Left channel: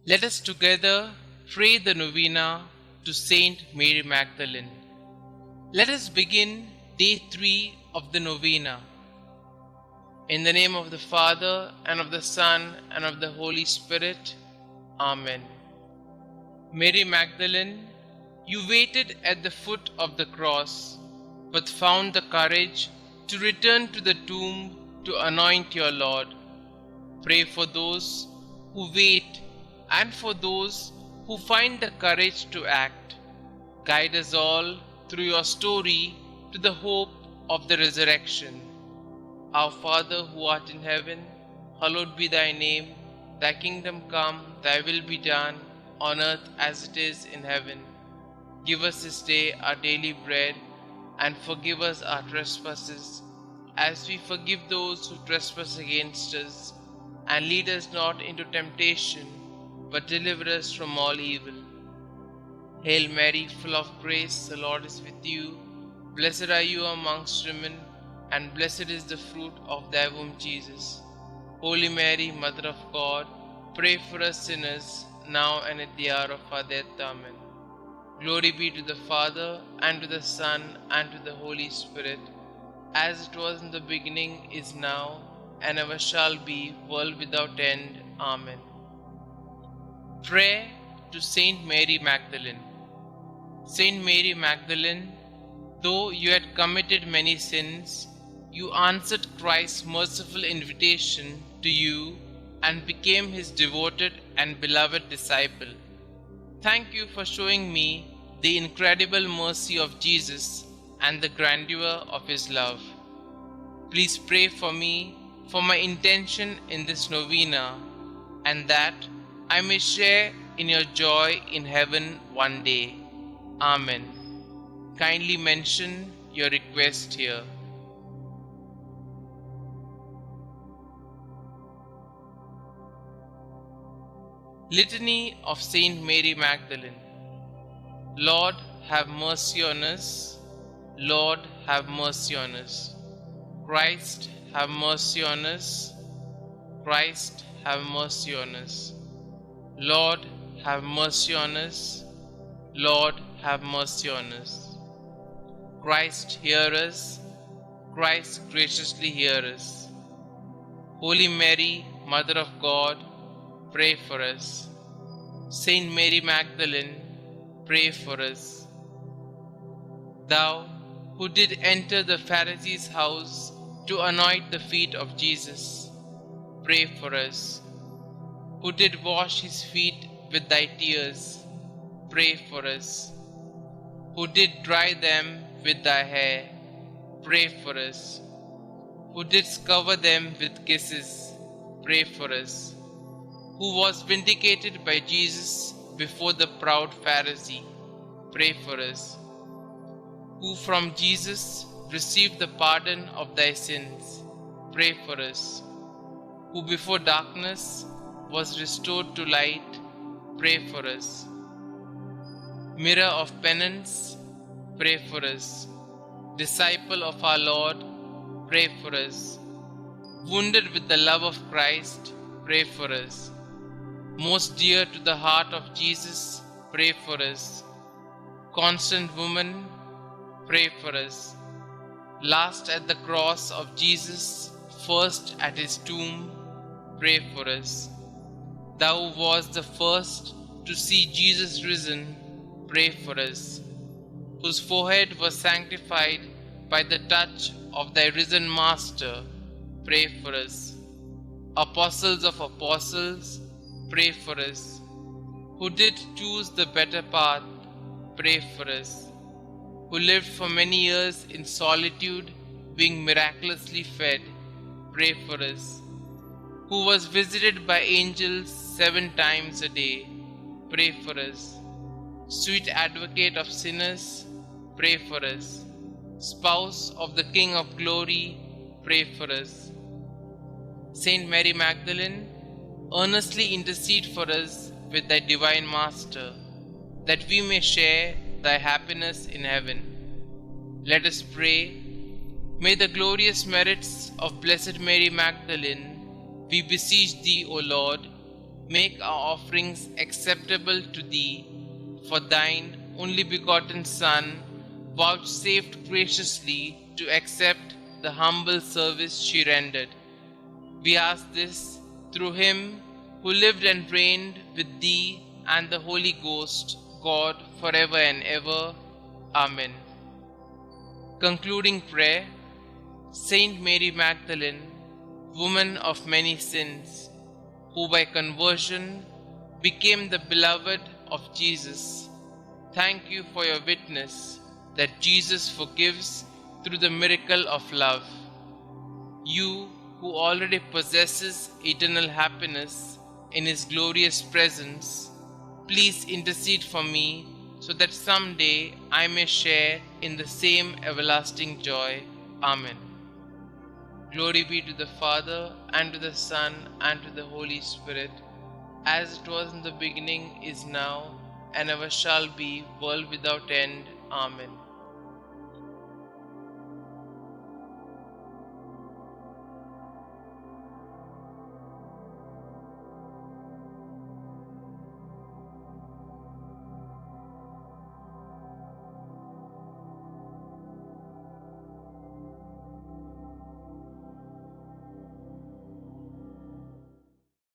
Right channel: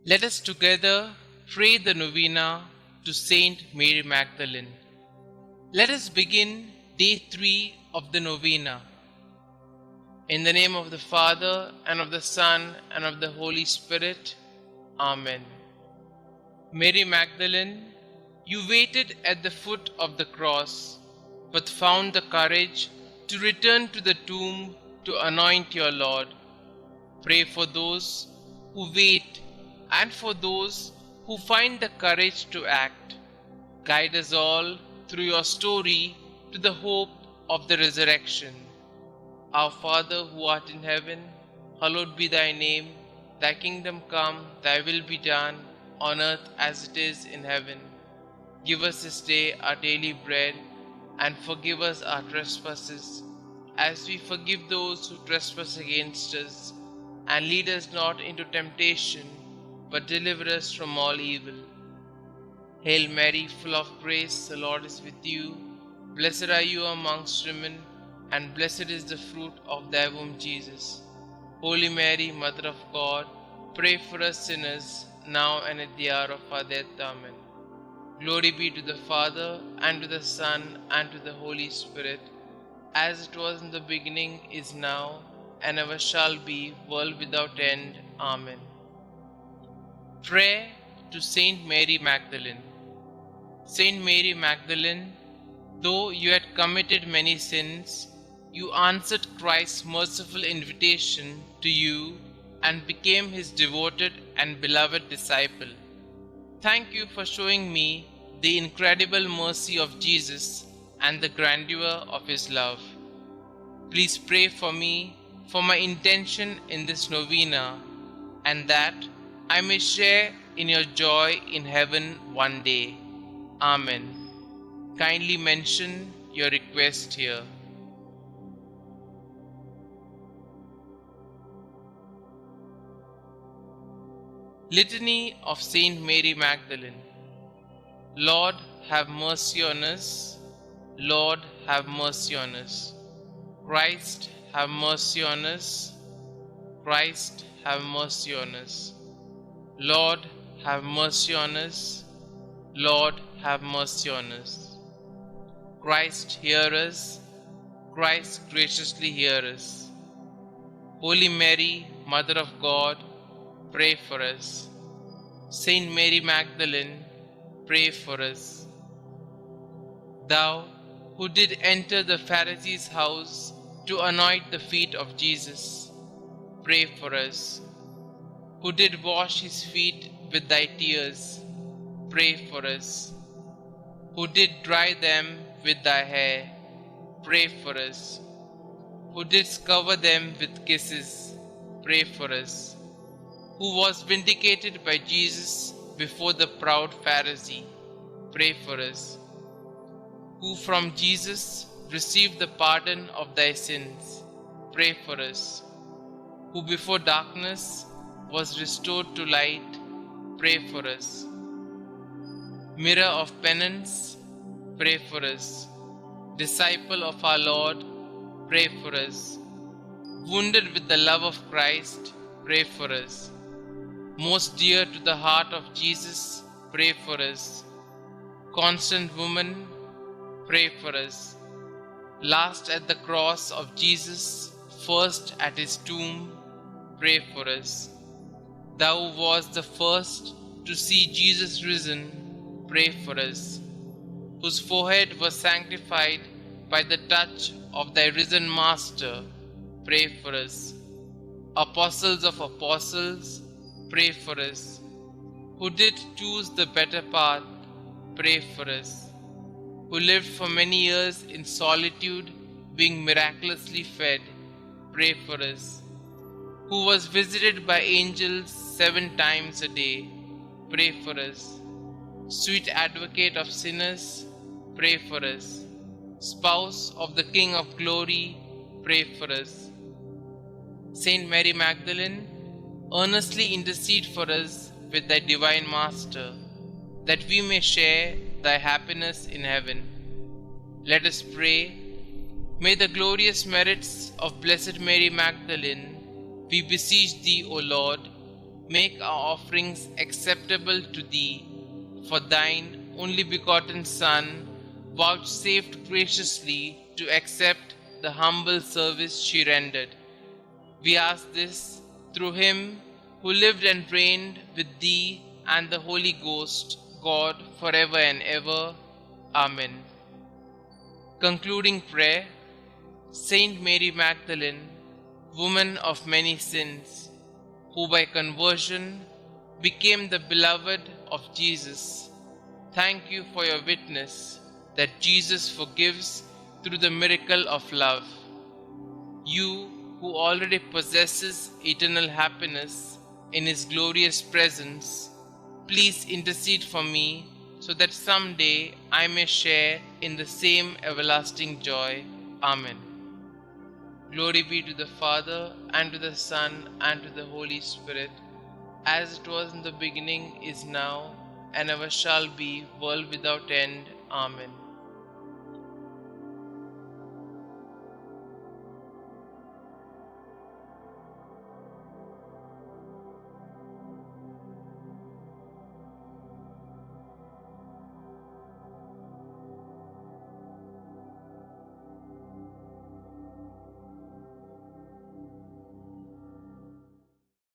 Let us together pray the Novena to St Mary Magdalene. Let us begin day 3 of the Novena. In the name of the Father, and of the Son, and of the Holy Spirit. Amen. Mary Magdalene, you waited at the foot of the cross, but found the courage to return to the tomb to anoint your Lord. Pray for those who wait and for those who find the courage to act. Guide us all through your story to the hope of the resurrection. Our Father who art in heaven, hallowed be thy name. Thy kingdom come, thy will be done, on earth as it is in heaven. Give us this day our daily bread, and forgive us our trespasses, as we forgive those who trespass against us. And lead us not into temptation, but deliver us from all evil. Hail Mary, full of grace, the Lord is with you. Blessed are you amongst women, and blessed is the fruit of thy womb, Jesus. Holy Mary, Mother of God, pray for us sinners, now and at the hour of our death. Amen. Glory be to the Father, and to the Son, and to the Holy Spirit, as it was in the beginning, is now, and ever shall be, world without end. Amen. Prayer to St Mary Magdalene. St Mary Magdalene, though you had committed many sins, you answered Christ's merciful invitation to you and became his devoted and beloved disciple. Thank you for showing me the incredible mercy of Jesus and the grandeur of his love. Please pray for me, for my intention in this novena, and that I may share in your joy in heaven one day. Amen. Kindly mention your request here. Litany of Saint Mary Magdalene. Lord, have mercy on us. Lord, have mercy on us. Christ, have mercy on us. Christ, have mercy on us. Lord, have mercy on us. Lord, have mercy on us. Christ, hear us. Christ, graciously hear us. Holy Mary, Mother of God, pray for us. Saint Mary Magdalene, pray for us. Thou, who did enter the Pharisee's house to anoint the feet of Jesus, pray for us. Who did wash his feet with thy tears, pray for us. Who did dry them with thy hair, pray for us. Who didst cover them with kisses, pray for us. Who was vindicated by Jesus before the proud Pharisee, pray for us. Who from Jesus received the pardon of thy sins, pray for us. Who before darkness was restored to light, pray for us. Mirror of penance, pray for us. Disciple of our Lord, pray for us. Wounded with the love of Christ, pray for us. Most dear to the heart of Jesus, pray for us. Constant woman, pray for us. Last at the cross of Jesus, first at his tomb, pray for us. Thou wast the first to see Jesus risen, pray for us. Whose forehead was sanctified by the touch of thy risen Master, pray for us. Apostles of apostles, pray for us. Who did choose the better path, pray for us. Who lived for many years in solitude, being miraculously fed, pray for us. Who was visited by angels 7 times a day, pray for us. Sweet advocate of sinners, pray for us. Spouse of the King of glory, pray for us. Saint Mary Magdalene, earnestly intercede for us with thy divine Master, that we may share thy happiness in heaven. Let us pray. May the glorious merits of Blessed Mary Magdalene, we beseech thee, O Lord, make our offerings acceptable to thee. For thine only begotten Son vouchsafed graciously to accept the humble service she rendered. We ask this through him who lived and reigned with thee and the Holy Ghost, God, forever and ever. Amen. Concluding prayer. Saint Mary Magdalene, woman of many sins, who by conversion became the beloved of Jesus, thank you for your witness that Jesus forgives through the miracle of love. You who already possesses eternal happiness in his glorious presence, please intercede for me so that someday I may share in the same everlasting joy. Amen. Glory be to the Father, and to the Son, and to the Holy Spirit, as it was in the beginning, is now, and ever shall be, world without end. Amen.